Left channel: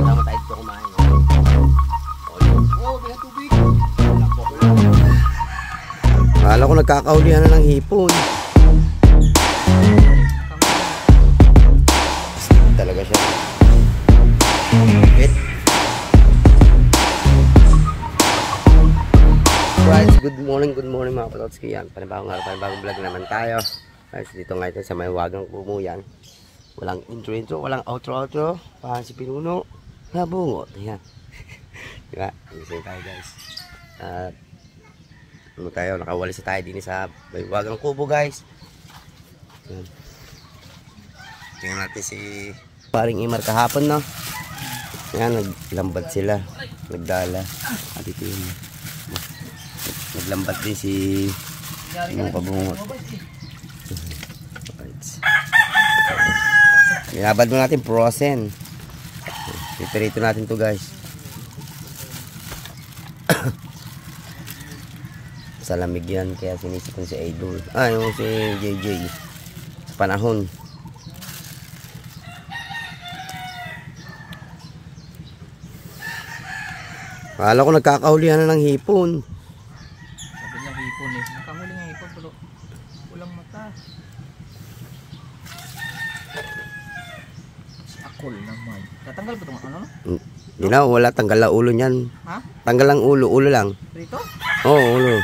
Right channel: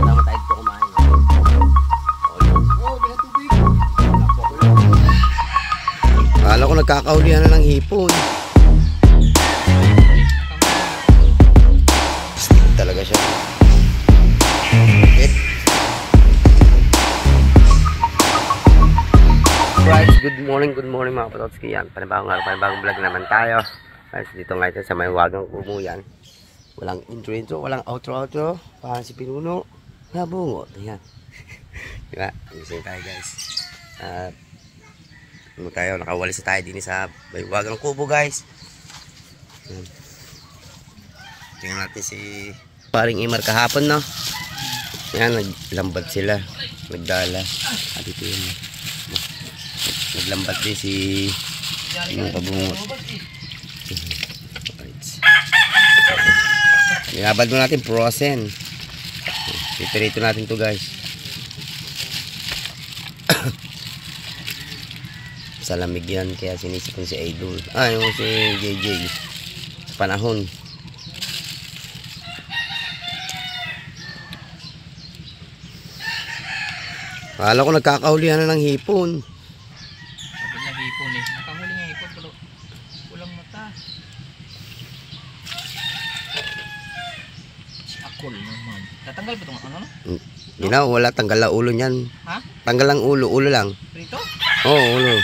Tama tayo dito kumain. Akala ko nagkakaulihan na ng hipon. Stick talaga siya. Okay. Guys, good morning mga Pototski. Yan, panibagong araw, panibagong vlog naman tayo. Guys, dito ngayon sa may Wagang Kumu yan. Walang intro, walang outro. Parang si Pinuno. Nabungot. Yan. Diba? Gising tayo guys. Nakawalis tayo din sa may Wagang Kumu guys. Yan. Tingnan natin si paring Imar kahapon, no? Yan, naglambat sila. Nagdala. At ito yun. Naglambat din si yung pabungot. Nilabad mo natin frozen. Piperito natin to guys. Sa lamig yan kaya sinisipon si Idol. Yung si JJ. Sa panahon. Akala ko nagkakaulihan na ng hipon. Sabi niya hipon eh. Nakahuli nga hipon pero walang mata. Si Akol naman. Tatanggal ba itong ano no? Hindi na, wala. Tanggal ang ulo niyan. Ha? Tanggal ang ulo. Ulo lang. Dito? Oo, ulo.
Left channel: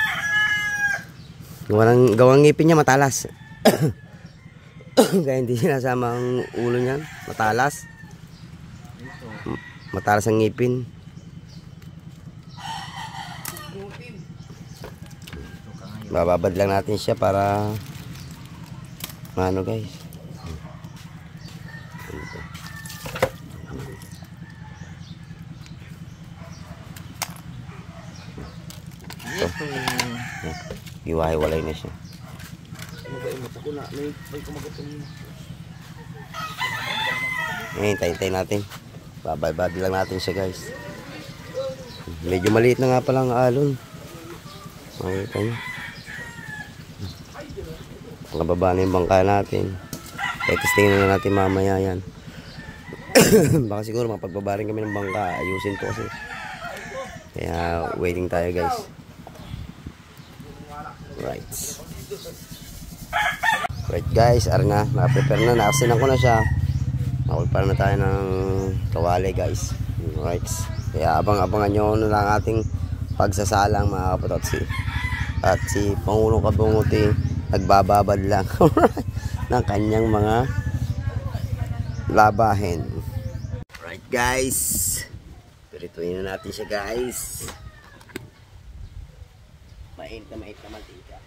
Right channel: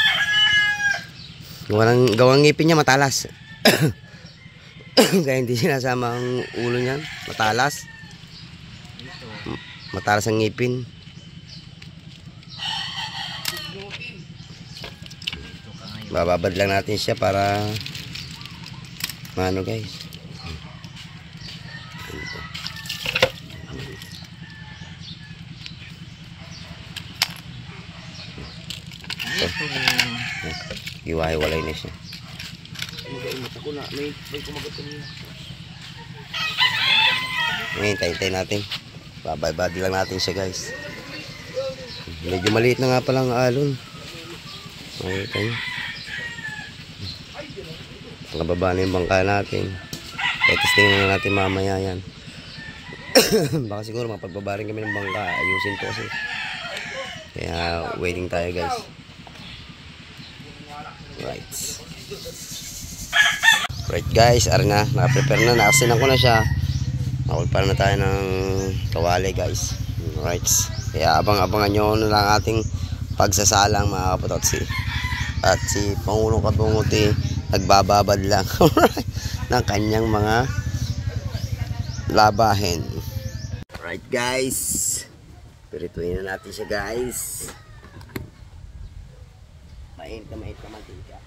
Gawang ngipin niya matalas. Kaya hindi sinasama ang ulo niyan. Matalas. Dito. Matalas ang ngipin. Bababad lang natin siya para ano guys. Ito. Iwahiwalay na siya. Hintay natin. Bababad lang natin siya guys. Medyo maliit na nga palang alon. Makikita nyo. Nakababa na yung bangka natin. Testingin na natin mamaya yan. Baka siguro mapagbaba rin kami ng bangka. Ayusin to kasi. Kaya waiting tayo guys. Right guys, ara na. Nakaprepare na. Nakaksinan ko na siya. Makulpal na tayo ng kawali guys. Right. Kaya abangan nyo na lang ating pagsasalang mga Kapototsi. At si Pangulong Kabunguti nagbababad lang ng kanyang mga labahin. Right guys, pirituin na natin siya guys. Mainit na mantika.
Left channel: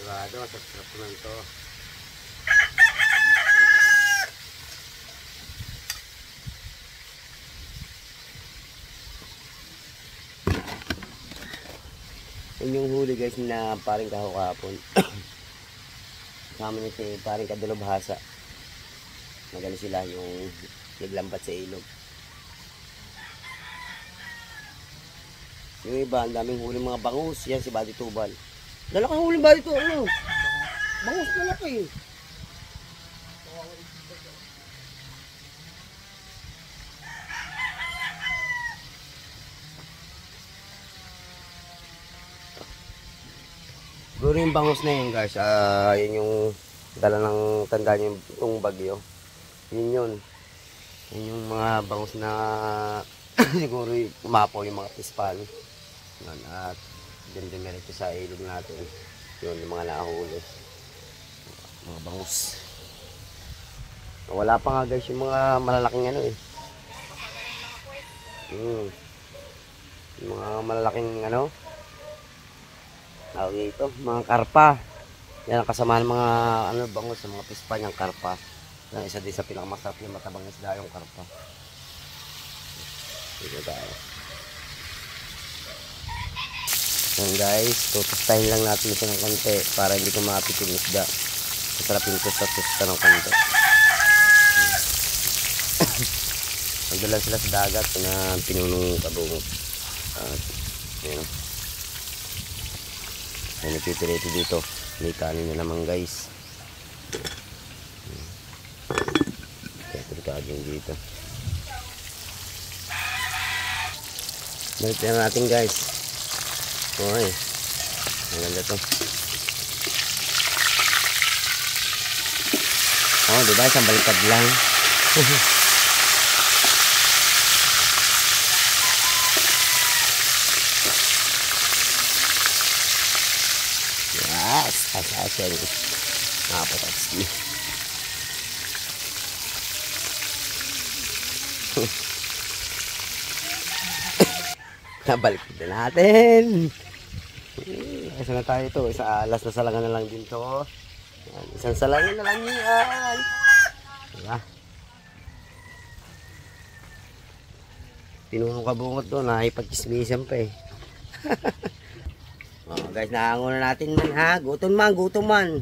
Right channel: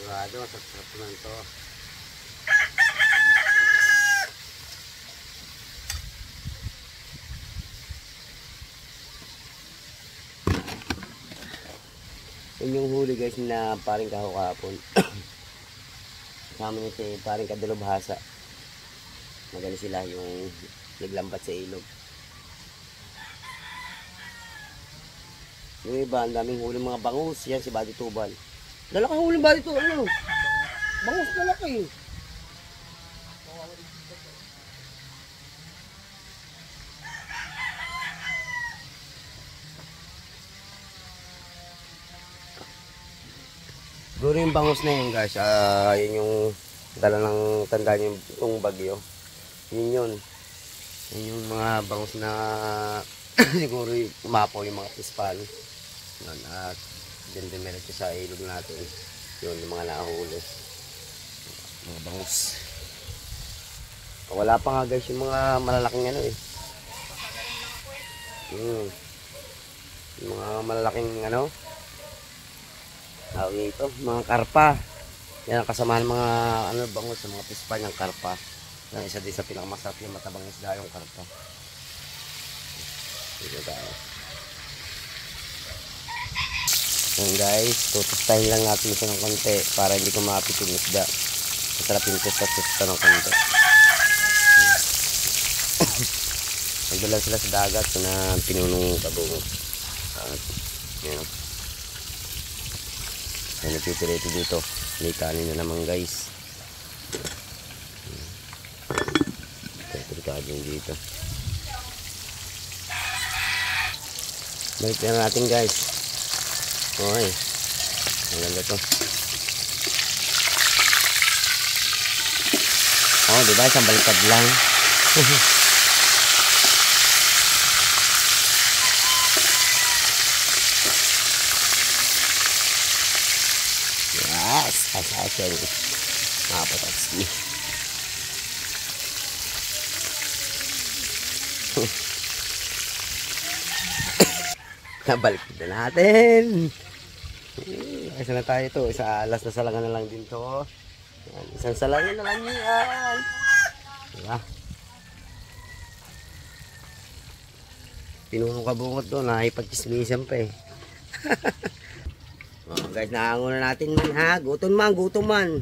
Sigurado, sarap naman to. Yun yung huli guys na paring kahapon. Kasama niya si paring kadulubhasa. Magaling sila yung naglambat sa ilog. Yung iba, ang daming huli mga bangus. Yan si Buddy Tubal. Dala kang huli Buddy Tubal. Ano? Bangus na laki eh. Siguro yung bangus na yun guys, yun yung dala ng tanda nyo itong bagyo. Yun. Yun yung mga bangus na siguro umapaw yung mga pispal. Yun, at dyan dumiretso sa ilog natin. Yun, yung mga nakahuli. Mga bangus. Wala pa nga guys yung mga malalaking ano eh. Yung mga malalaking ano. Tawag ito, mga karpa. Yan ang kasamahan ng mga ano bangus sa mga pispa niyang karpa. Yan isa din sa pinakamasarap yung matabang isda yung karpa. Dito tayo. Yan guys, tutustahin lang natin ito ng konti para hindi kumapit yung isda. Masarap yung tusta ng konti. Nagdala sila sa dagat na pinunong kabungot. At yun. Ay nagpipirito dito. May kanin na naman guys. Delikado yung dito. Balik na natin guys. Okay. Ang ganda to. Oh, diba? Isang baliktad lang. Yes, asasyan. Nakapatats niyo. Nabalik na natin. Isa na tayo ito. Isa alas na salangan na lang dito. Yan, isang salangan na lang yan. Diba? Pinunong kabungot doon. Nakipag-chismisan pa eh. Oh, guys, nahango na natin man ha. Gutom man, gutom man.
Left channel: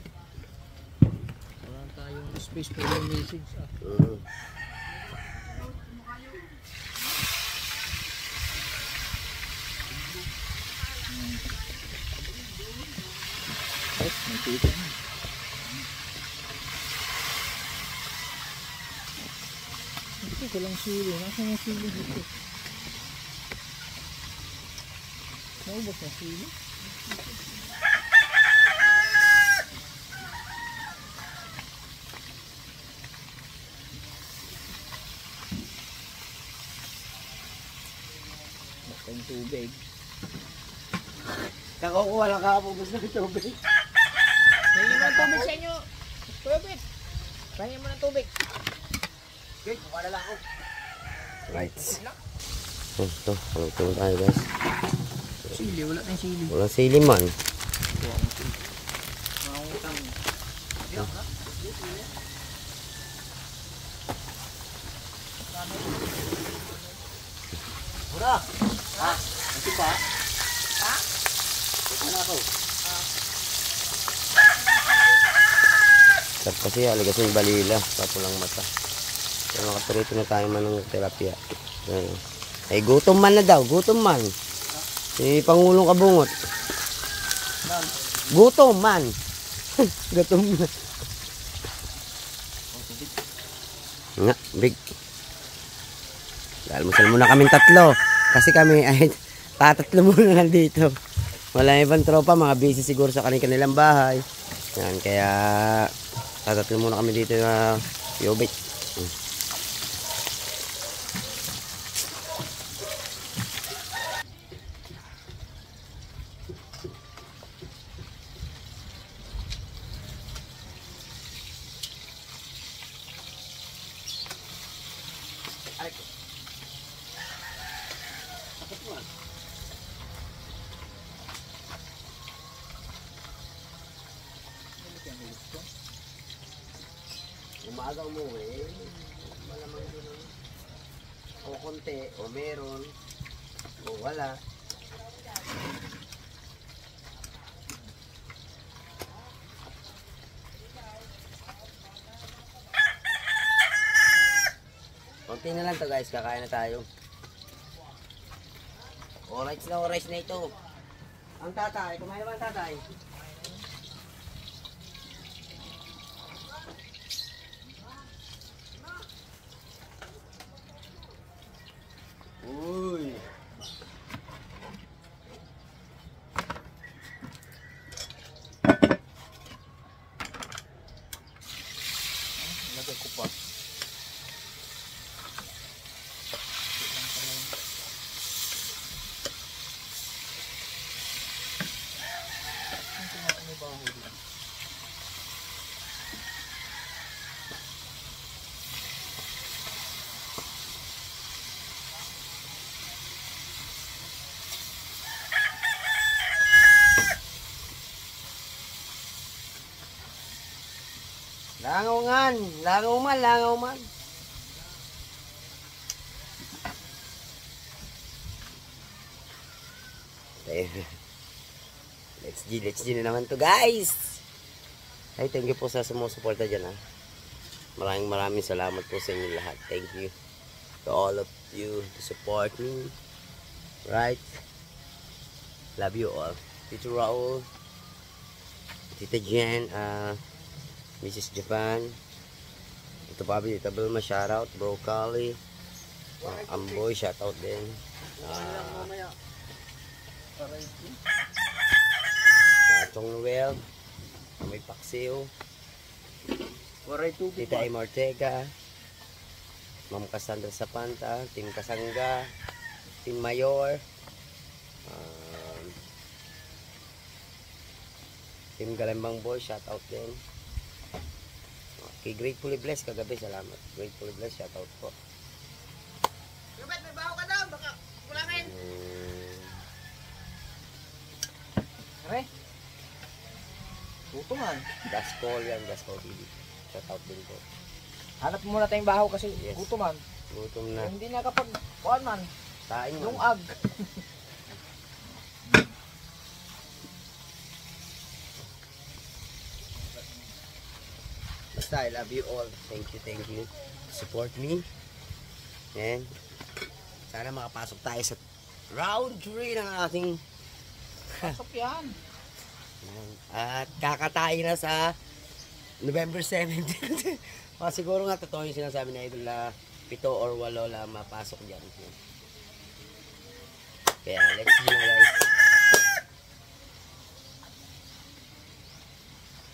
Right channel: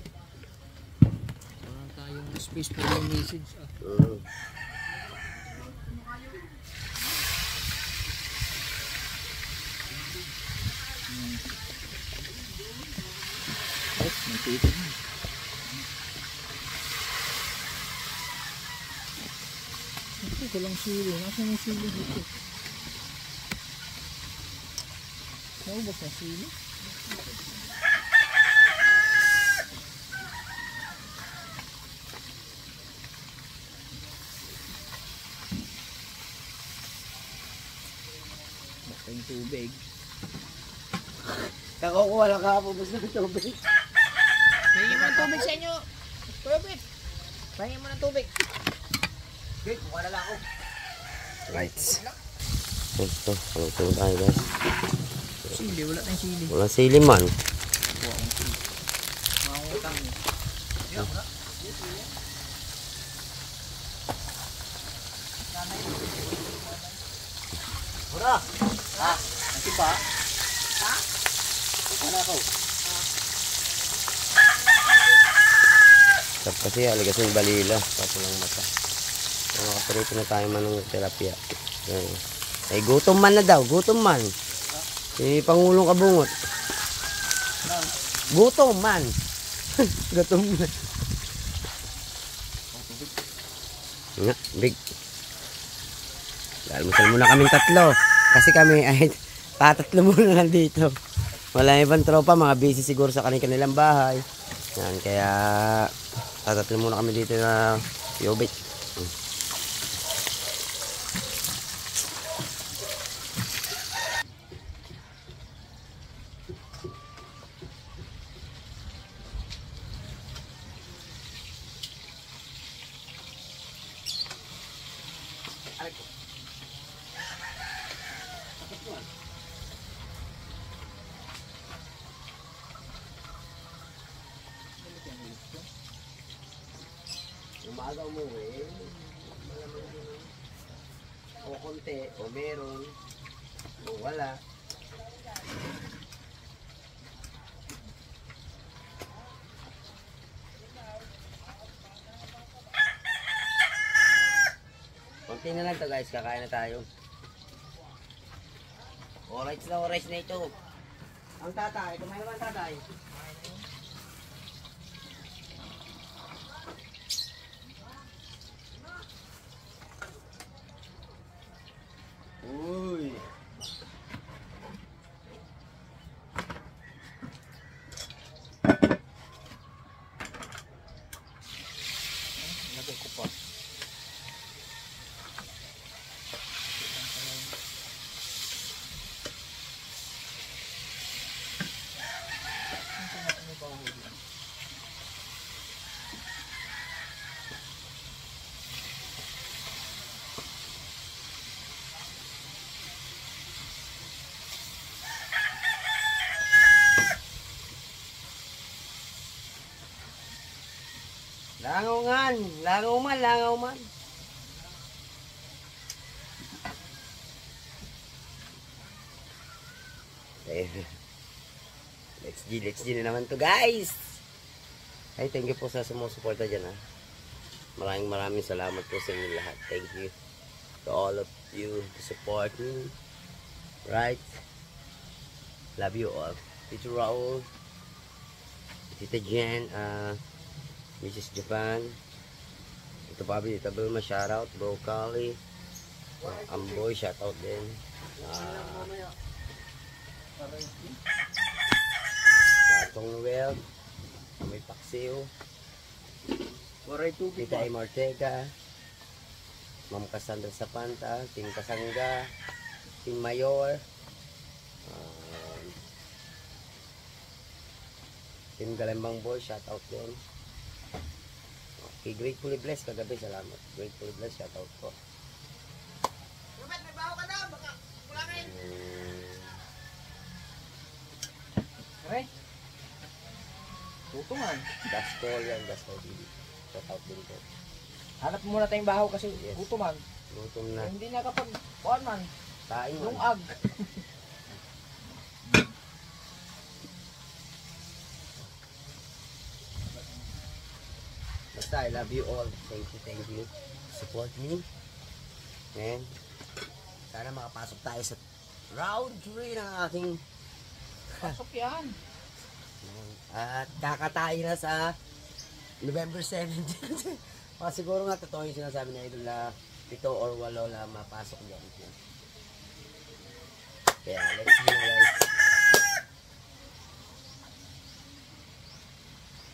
Wala tayong space for yung message. Ay, nagtito na. Ito ko lang sili. Nasaan yung sili dito? Naubos na sili? Basta yung tubig. Kakukuha lang ka po. Basta ng tubig. Kaya mo ng tubig sa inyo. Tubig. Kaya mo ng tubig. Okay, kuha na lang ako. Right. Ito, palutong tayo guys. Sili, wala kang sili. Walang sili man. Kuha kong sili. Makakutang. Hura! Ha? Ito pa? Ha? Ito na ako. Sarap kasi aligas yung balila. Tapos lang mata. So, makaparito na tayo man ng tilapia. Ay, gutom man na daw. Gutom man. Si Pangulong Kabungot. Gutom man. Gutom na. Nga, big. Almusal muna kaming tatlo. Kasi kami ay tatatlo muna nandito. Wala ibang tropa. Mga busy siguro sa kanilang bahay. Yan, kaya tatatlo muna kami dito na yobit. Umaga umuwi, malamang din o konti, o meron, o wala. Konti na lang to guys, kakain na tayo. Orange na ito. Ang tatay, kumain naman tatay. Uy. Lagay ko pa. Langaw man. Okay. Let's G na naman to guys. Ay, thank you po sa sumusuporta dyan ha. Maraming salamat po sa inyo lahat. Thank you to all of you to support me. Right? Love you all. Tito Raul, Tita Jen, Mrs. Japan, ito Pabi, Tita Vilma, shoutout, Bro Kali, Amboy, shoutout din. Chong Noel, may Paksiw, Tita Im Ortega, Ma'am Cassandra Sapanta, Team Kasangga, Team Mayor, Team Galambang Boy, shoutout din. Okay, Gratefully Blessed kagabi, salamat. Gratefully Blessed, shoutout po. Aray. Puto man. Gaskol yan, Gaskol TV. Shoutout din po. Hanap muna tayong bahaw kasi Yes. puto man. Gutom nga. Hindi na kapag kuan man. Kain Yung mo. ag. Basta, I love you all. Thank you. Support me. And sana makapasok tayo sa round 3 ng ating Pasok yan. at kakatain na sa November 17. Siguro nga totoo yung sinasabi na idol na 7 or 8 lang mapasok dyan. Kaya let's go guys.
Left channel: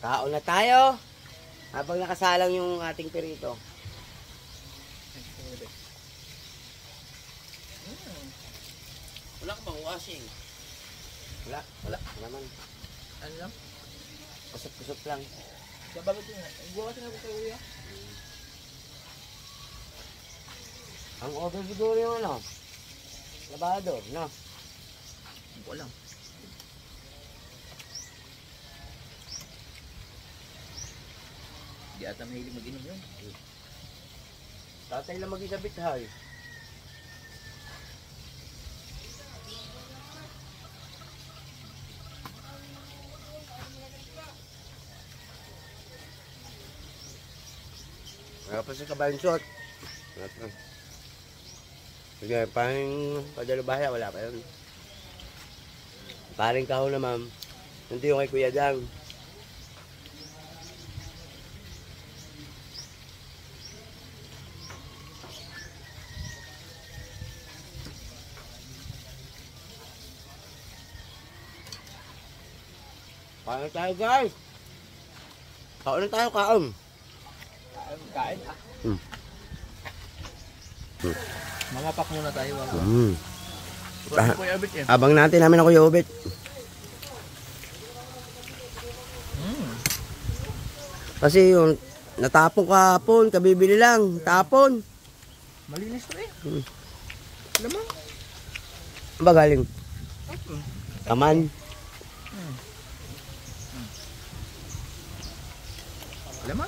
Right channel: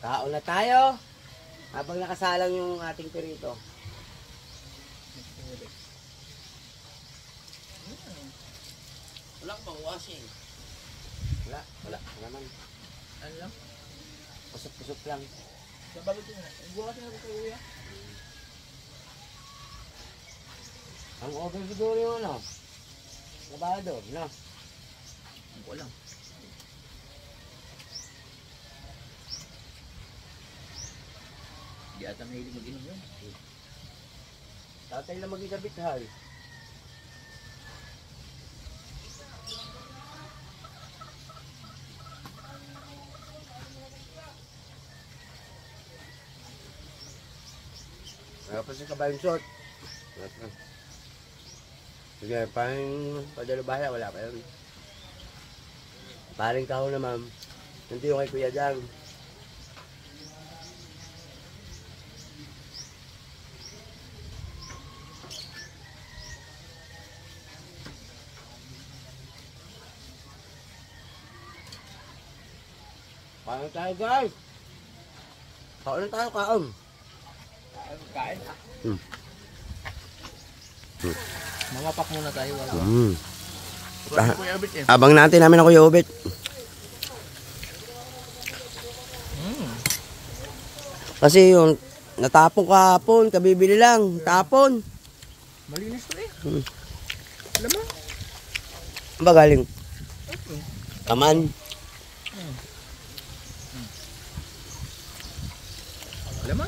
Kaon na tayo habang nakasalang yung ating perito. Wala bang washing? Wala naman. Ano lang? Kusot-kusot lang. Bababit yun. Bukas na sa uya. Ang order siguro yung ano? Labado, no? Hindi ko alam. Hindi ata mahilig mag-inom yun. Tatay lang mag-isabit hal. Tapos sa kabayan shot. Sige, parang padalubaya, wala pa yun. Paring kao na ma'am. Hindi yung kay Kuya Dang. Kain tayo guys. Kaon na tayo, kaon. Kain ah. Hmm. Mamapak muna tayo. Ah. Kuya Abit yan. Abang natin namin ako yung ubit. Kasi yung natapon kahapon, kabibili lang, tapon. Malinis pa eh. Alam mo? Ano ba galing? Kaman. Alam mo?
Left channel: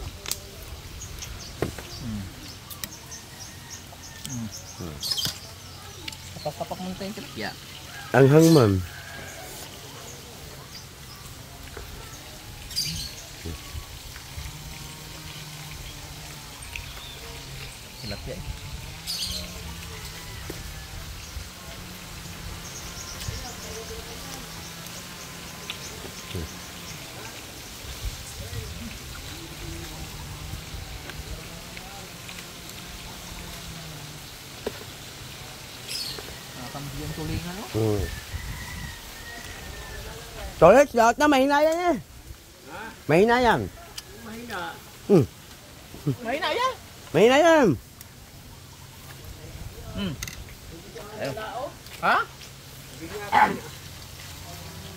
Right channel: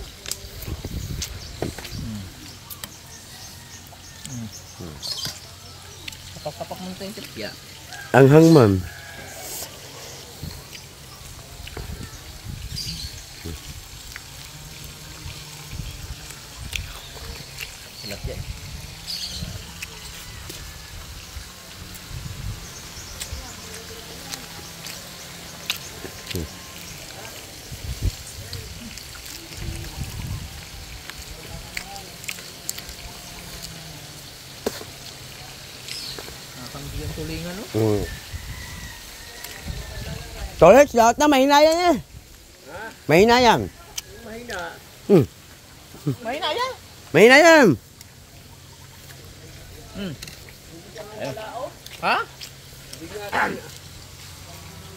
Tapak-tapak mo na tayong tipya. Anghang ma'am. Sulat yan. Nakakambigyan tulingan no? Tolet, lahat na mahinayan eh. Mahinayan. Mahina. Hmm. Mahina yan. Mahinayan. Ha?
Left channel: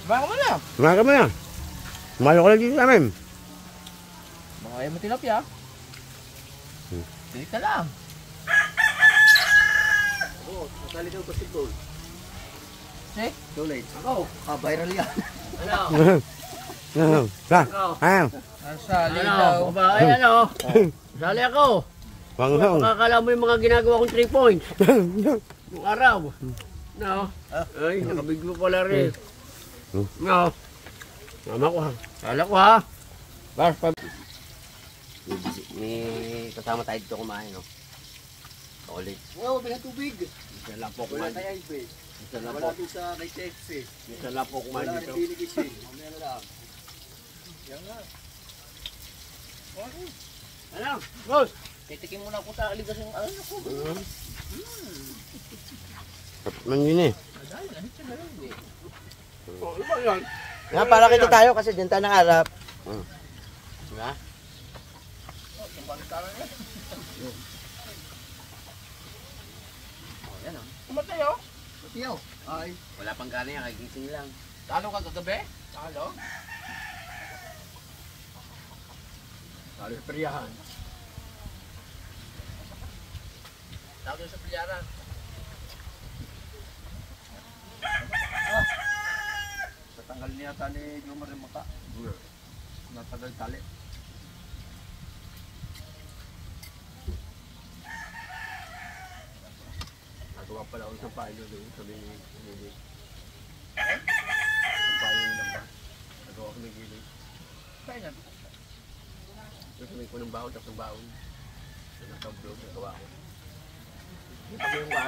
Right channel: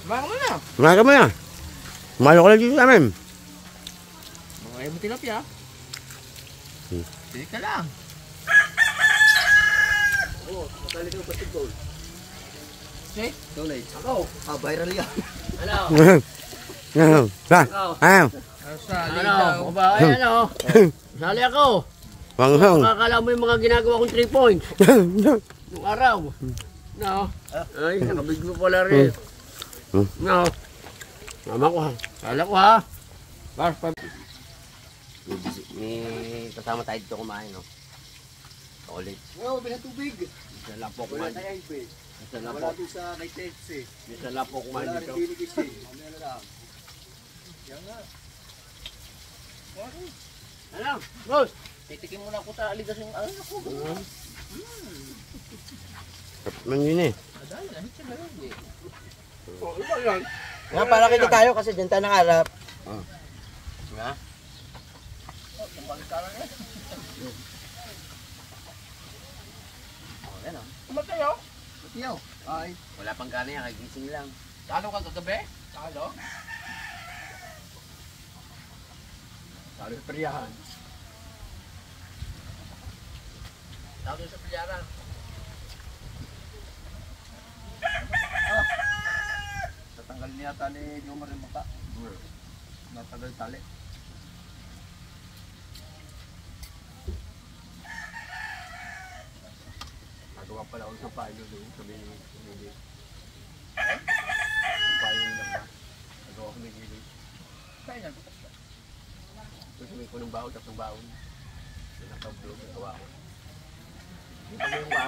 Baka mo na. Kumain mo na. Kumain ko lang dito sa amin. Baka ayaw mo tilapia. Dili ka lang. Oo, nasali ko basketball. Eh? Tolet. Ako. Viral yan. Ano? Sali Ano, daw. babae, ano? Sali ako. Wanghang. Makakala mo yung mga ginagawa kong 3 points. Nung araw. No? Ay, nakabiglo pala rin. No? Mama ko ha. Sala ko ha. Bas, May kasama tayo dito kumain, no? Solid. wow, may tubig. Isa lang po kumain dito. Isa lang po. Sa may Texas. Isa lang po kumain dito. Mamaya na lang. Yan nga. Ano? Boss, titikin muna ako sa aligas yung ano ko. Sarap man yun eh. Oh, ano ba yan? Nga, para kita tayo kasi dyan tayo nakaharap. Diba? Kumatay oh. Matiyaw. Ay. Wala pang gana yan, kagising lang. Talo ka kagabi? Talo? Talo sa priyahan. Talo sa priyahan. Oh. Tatanggal niya tali yung marimaka. Natagal tali. Nagawa pala ako sa payo doon. Sabi ni Lili. Sa payo yung lamba. Nagawa ko ni Lili. Kaya nga. Sabi ko ng baon, tapos ng baon. Nakablog, nagawa ko. Pag yung ba?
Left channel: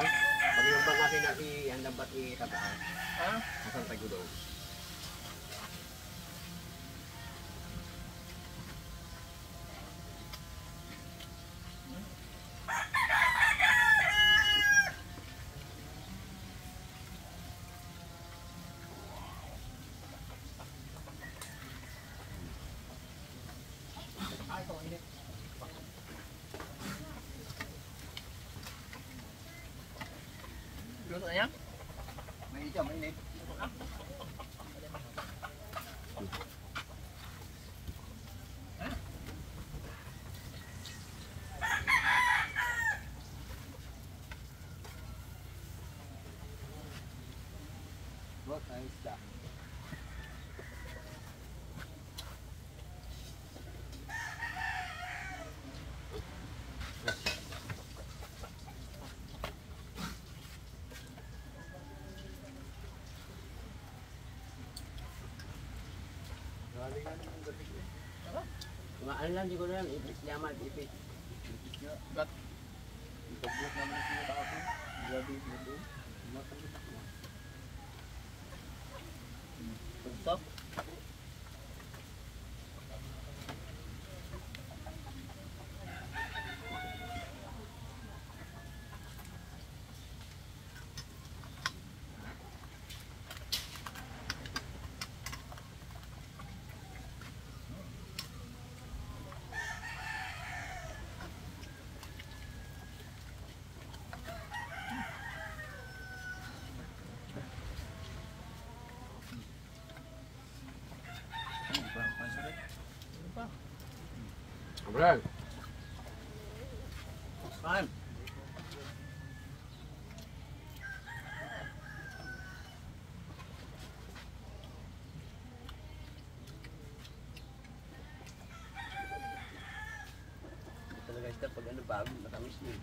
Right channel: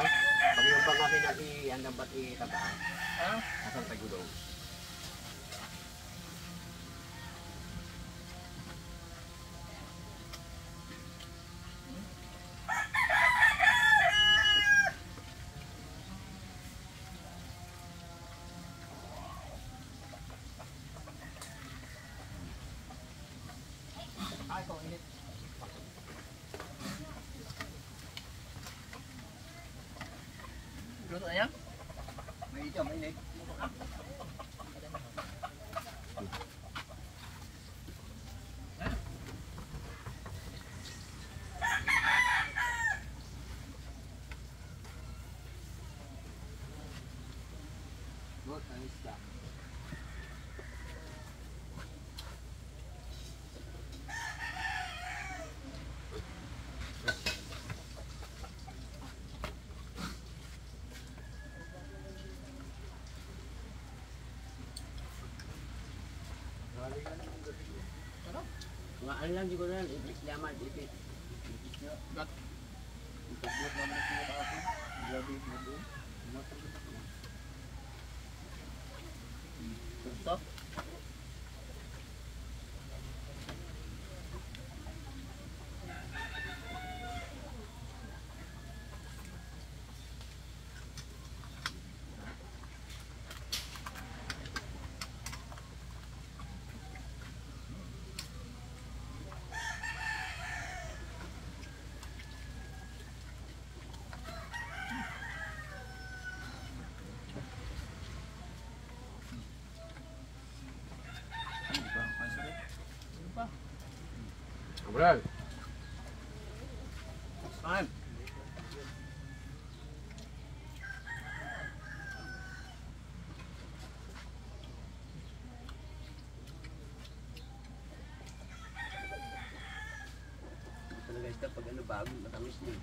Pag yung pang akin natin ang lambat itabaan. Ha? Asan tayo doon? Luto na yan? May ito, may init. Good, ayos ka. Mga ano lang, di ko lang, ipit yaman, ipit. Gat. Ipagbuot naman ang sinataka ko. Grabe yung budo. Matagit ako. Stop. Abral. Time. Talaga ito, pag ano bago, matamis niya.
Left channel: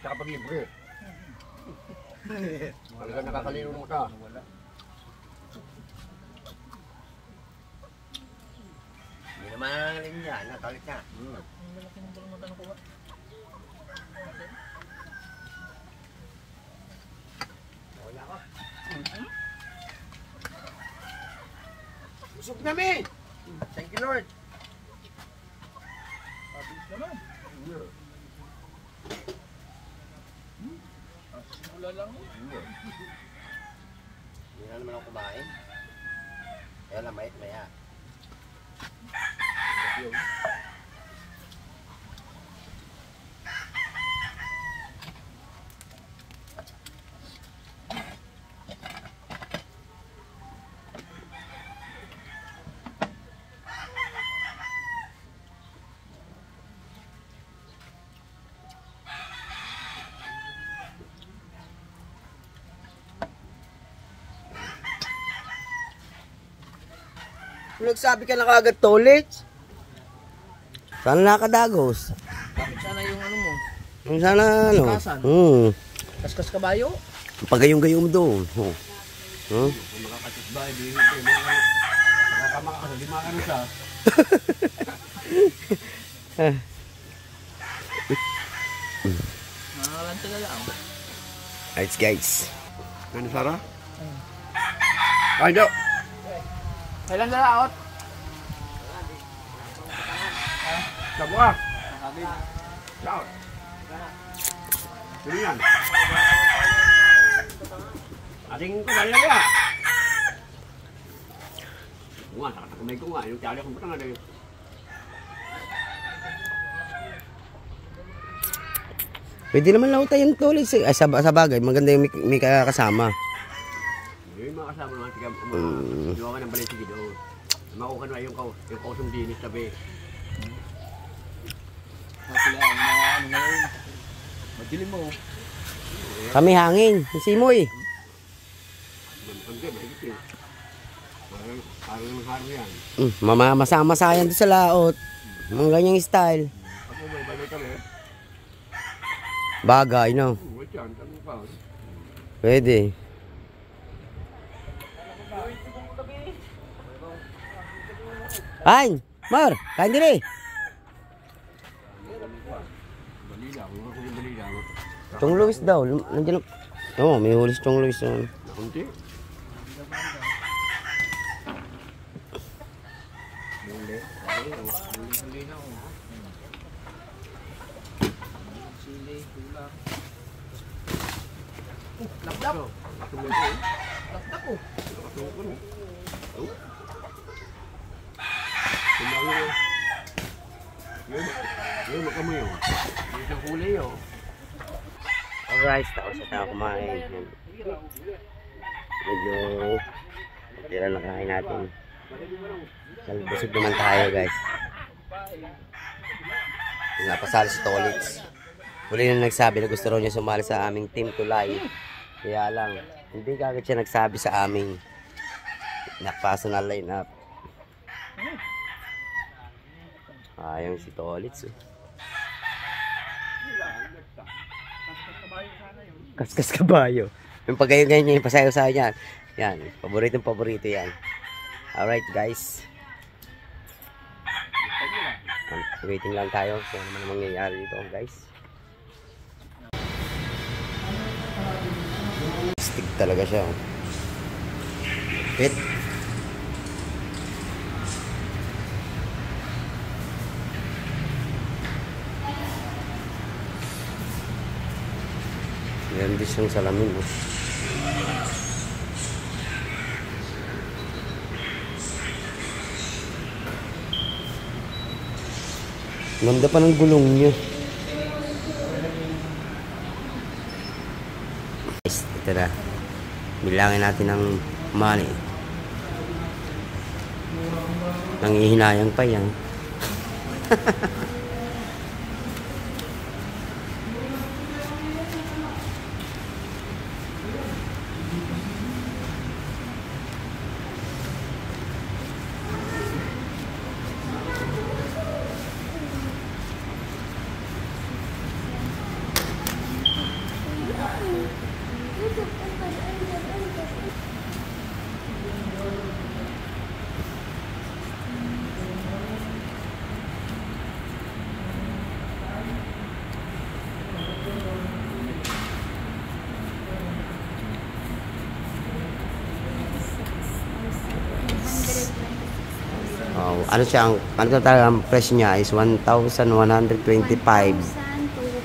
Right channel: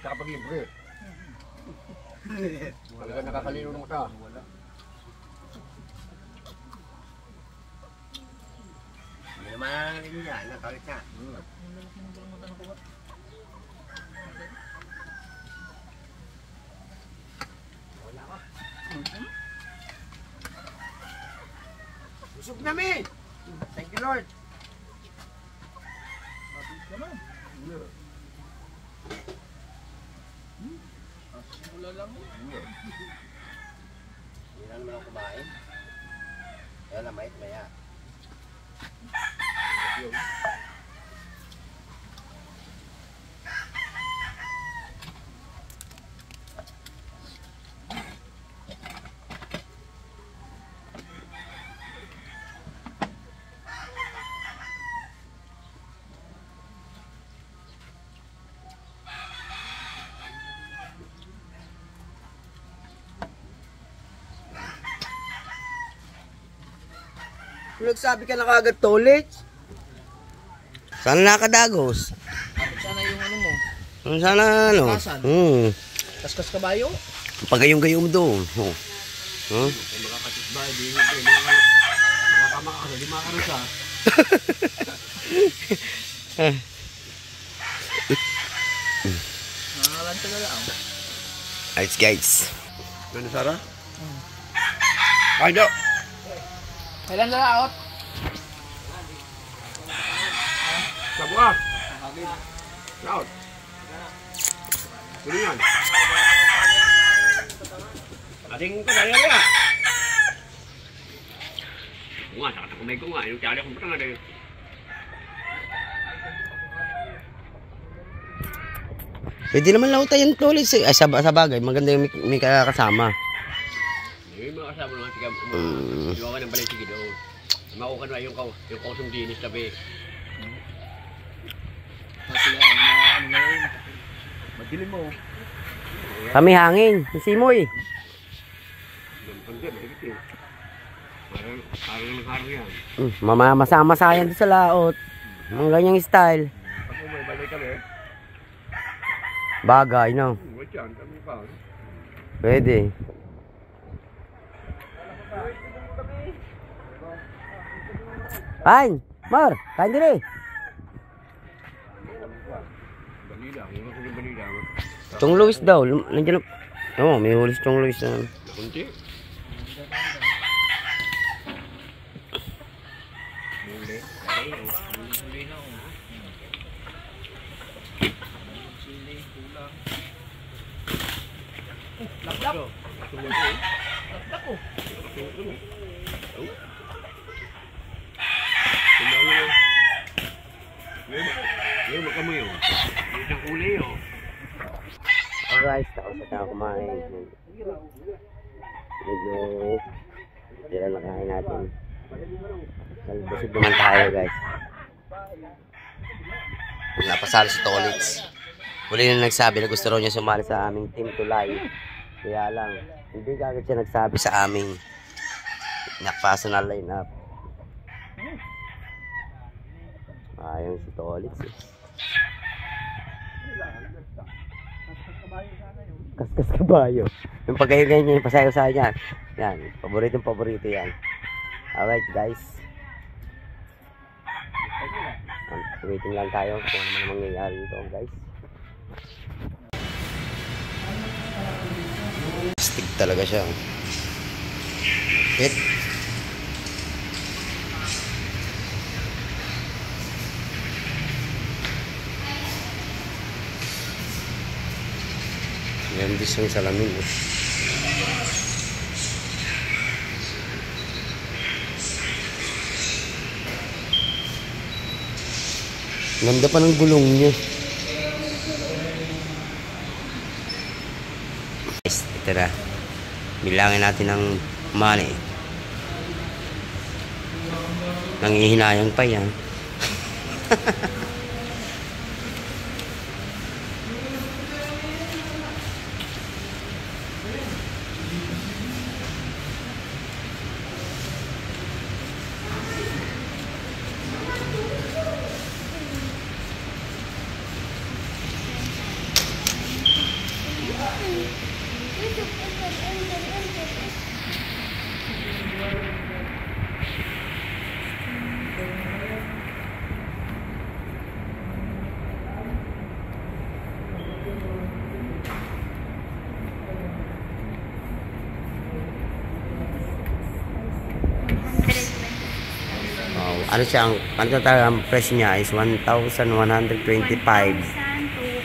Tsaka pag libre. Talaga nakakalino ng mata. Wala. Hindi naman ang alin niya, nakalit na. Ang lalaki ng bulong mata ng kuha. Wala ka. Busog namin! Thank you, Lord. Pabis naman. Simula lang. Hindi na naman ako kumain. Kaya na maya. Nagsabi ka na kagad toilet. Sana nakadagos. Dapat sana yung ano mo. Sana ano. Kasan? Kaskas kabayo. Pagayong-gayong doon. Oh. Huh? Makakatusbay, di makakamakakasal, di makakano siya. Nakakalanta na lang. Alright guys. Ano, Sarah? Ay, do! Kailan na out? Sabo ka! Out! Sino yan? Ating ko, dali lang yan! Oo nga, saka kumay ko nga. Yung tiyali akong patang nga dahil. Pwede naman lauta yung toilet. Ay, sa bagay, maganda yung may kasama. Yung mga kasama naman, sige, iwawa ng balay sige doon. Makuha na yung kausong dinis tabi. Sila ang mga ano ngayon. Madilim mo. Kami hangin. Simoy. Parang yan. Mamamasayan doon sa laot. Mga ganyang style. Pag may balay kami, Bagay, no? wait yan, kami pa. Pwede. Ay, Mar, kain din eh. Dali lang, dali lang. Chong Luis daw. Nandiyan na. Oo, may hulis Chong Luis na. Kunti. Muli. Muli na ako. Sili, kulang. Laplap. Tumulo. Laplap ko. Tumulo. Tumulo. Ngayon makamoy yun. Isang kulay yun. Alright, tapos na ako kumain. Medyo tira na kain natin. Busog naman tayo guys. Napasalo sa toilets. Huli na nagsabi na gusto raw niya sumali sa aming team tulay. Kaya lang, hindi kagad siya nagsabi sa aming personal lineup. Ayaw si toilets eh. Kaskas kabayo. Yung pagkain niya yung pasayo-sayo niyan. Yan, paborito yan. Alright guys. Waiting lang tayo kung ano man mangyayari dito guys. Stick talaga siya. Hit. Yan din siyang salamin. Oh. Ganda pa ng gulong niya. Guys, ito na. Bilangin natin ng money. Nangihinayang pa yan. Ano siya, ano talaga ang presyo niya is 1,125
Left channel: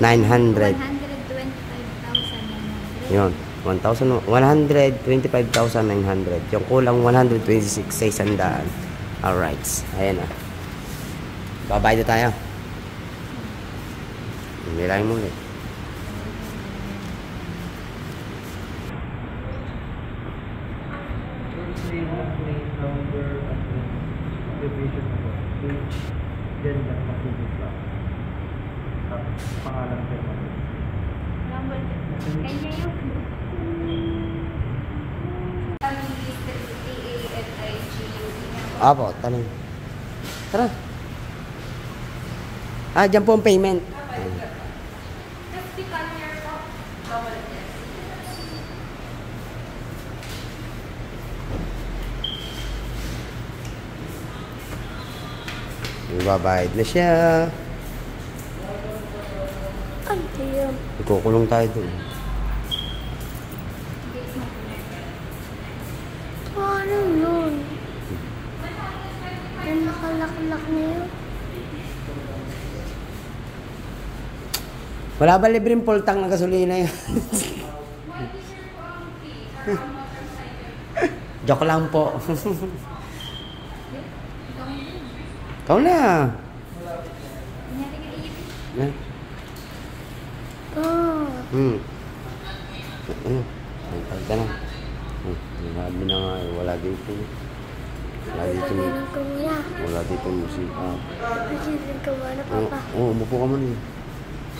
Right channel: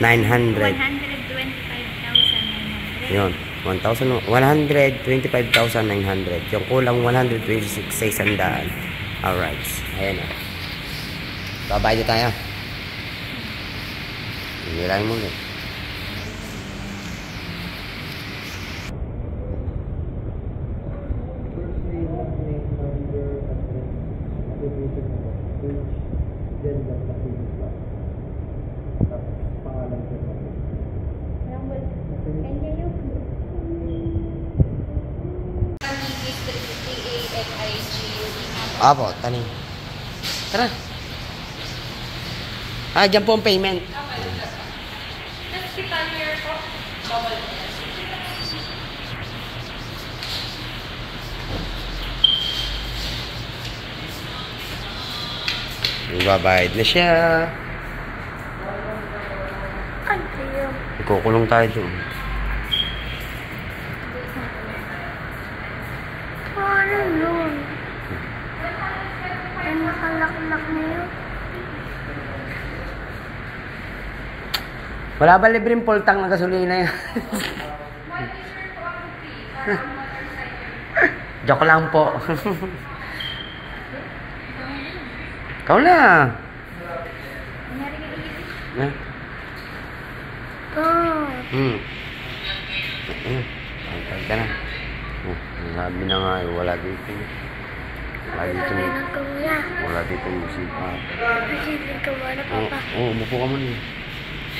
900. 125,900. Yun, 125,900. Yung kulang 126 sa 100. Alright, ayan o. Babayad na tayo. Nilangin mo ulit. Kanya yung PAMIG, TANIG, Apo, tanin. Tara. Ah, dyan po ang payment. Babayad na siya. Ikukulong tayo doon. Paano yun? Ay, nakalaklak na yun. Wala ba libreng pultang na gasolina yan? Joke lang po. Ikaw na. Na? Oh. Ayun. Antay ka na. Sabi na nga, wala dito. Wala dito. Kailan ka muna? Wala dito musika. Pagiging ka muna, Papa. Oo, umupo ka muna.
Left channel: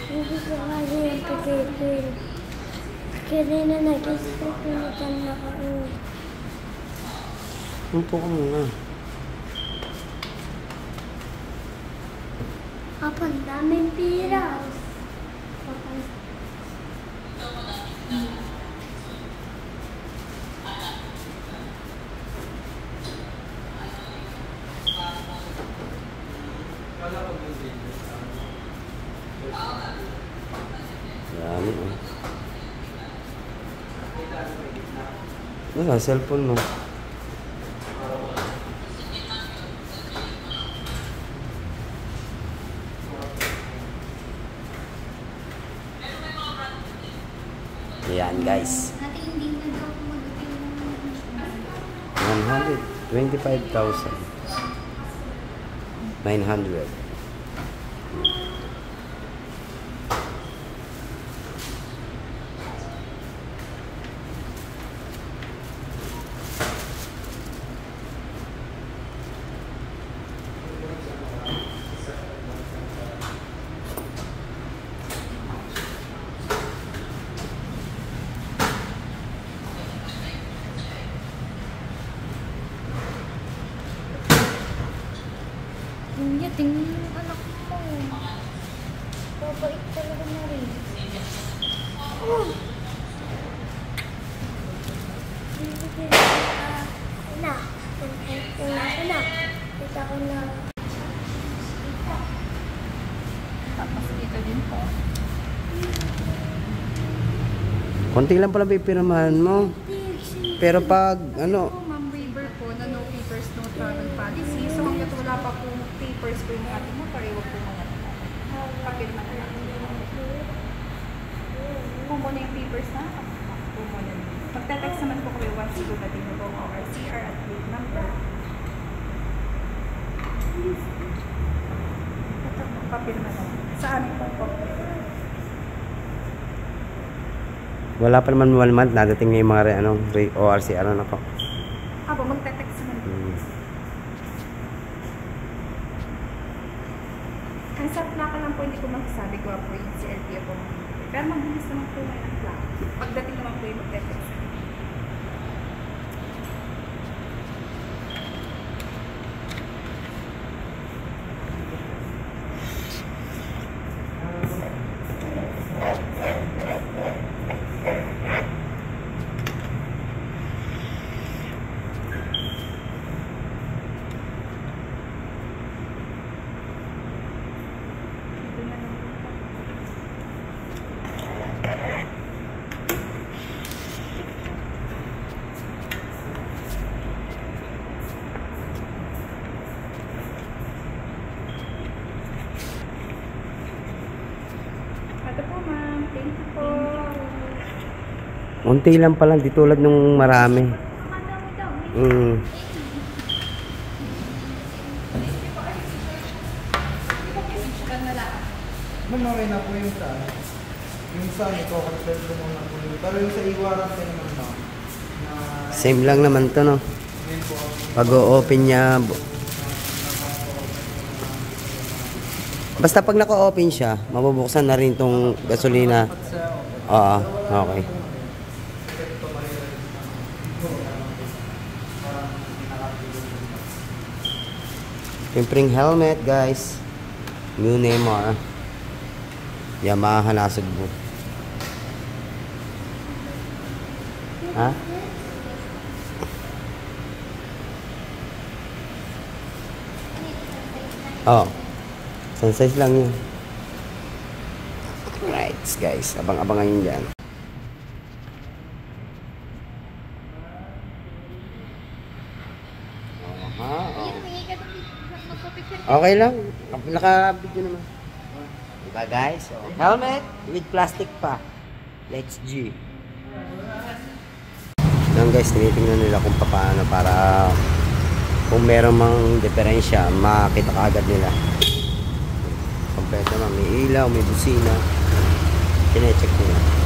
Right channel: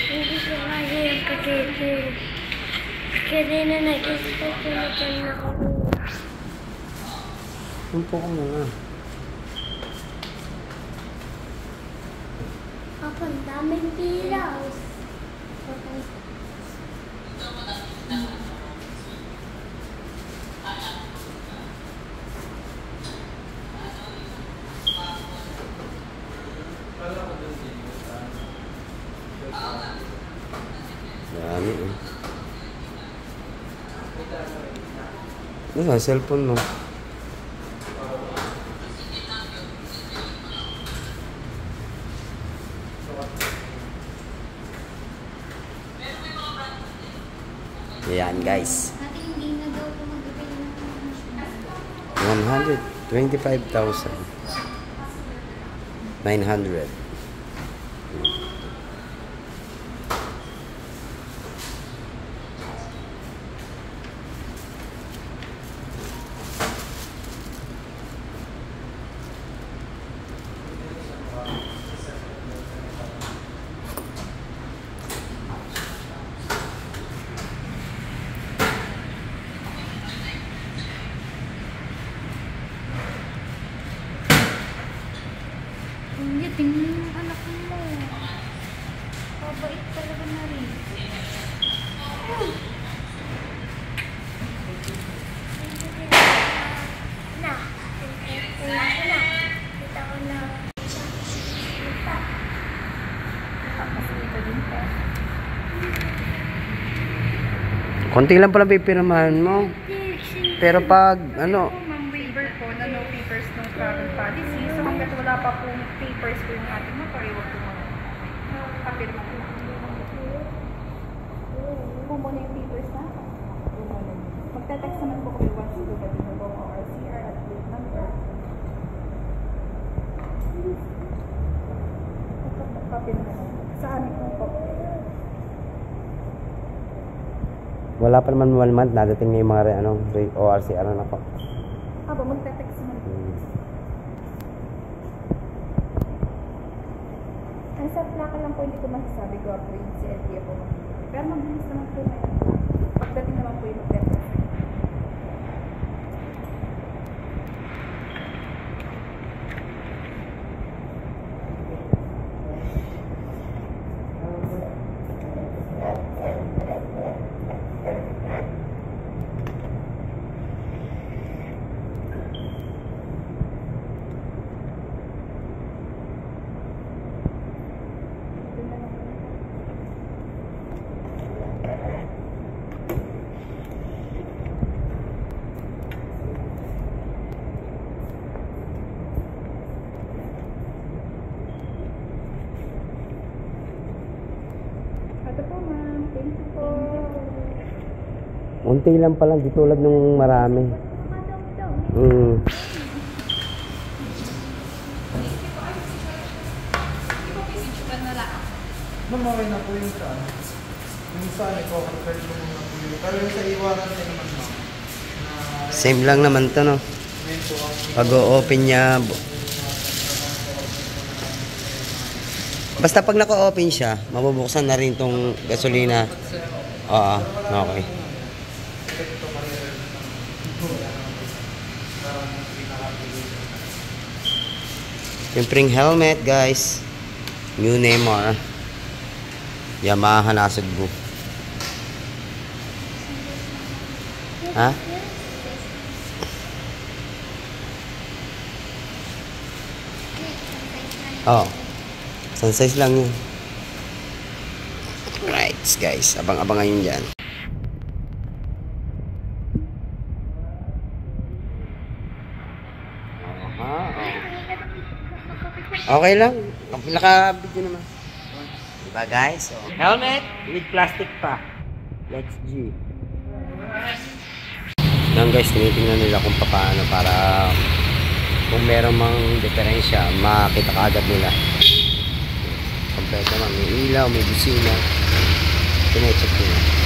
Hindi ko kaya yung pagiging. Kaya na nag-isip ko na dyan na ako. Umupo ka muna. Papa, ang daming piraw. Papa, Dami, oh. Cellphone, no? Ayan, guys. Ate, hindi na daw po mag-avail ng machine. 125,900. Hindi, tingnan mo yung anak mo. Babait talaga na rin. Oh. Hindi kita na. Kita ko na. Tapos dito din po. Konti lang pala pipirmahan mo. Pero pag, ano, Ma'am, waiver po na no papers, no travel policy. So hanggat wala pa po papers po yung ating mo, pareho po mga papirma na lang. Po muna yung papers na. Po muna. Magte-text naman po kayo once you dating mo po ang RCR at plate number. Papirma na lang. Sa amin pong papel. wala pa naman 1 month, nadating na yung mga ORCR na ko. Aba, magte-text naman po. Ang sa plaka lang po, hindi ko masasabi ko po yung CLTO po. Pero mabilis naman po may plaka. Pagdating naman po yung magte-text. Ito po ma'am, thank you po. Unti lang pala, di tulad nung marami. Ma'am, okay na po yung sa ano. Yung sa ano po, pwede mo na po yun. Pero yung sa iwanan din naman ma'am. Same lang naman to, no? Yun po ang Pag-o-open niya, basta pag naka-open siya, mabubuksan na rin tong gasolina. Oo, okay. Siyempre helmet guys. New Neymar. Yamaha na Sugbo. Ha? Oh. Sun size lang yun. Right guys. Abang-abangan yun dyan. Okay lang. Naka-video naman. Diba guys? So, helmet with plastic pa. Let's G. Yan guys, tinitingnan nila kung paano para kung meron mang diferensya, makita kaagad nila. Kompleto naman. May ilaw, may busina. Tinecheck nila.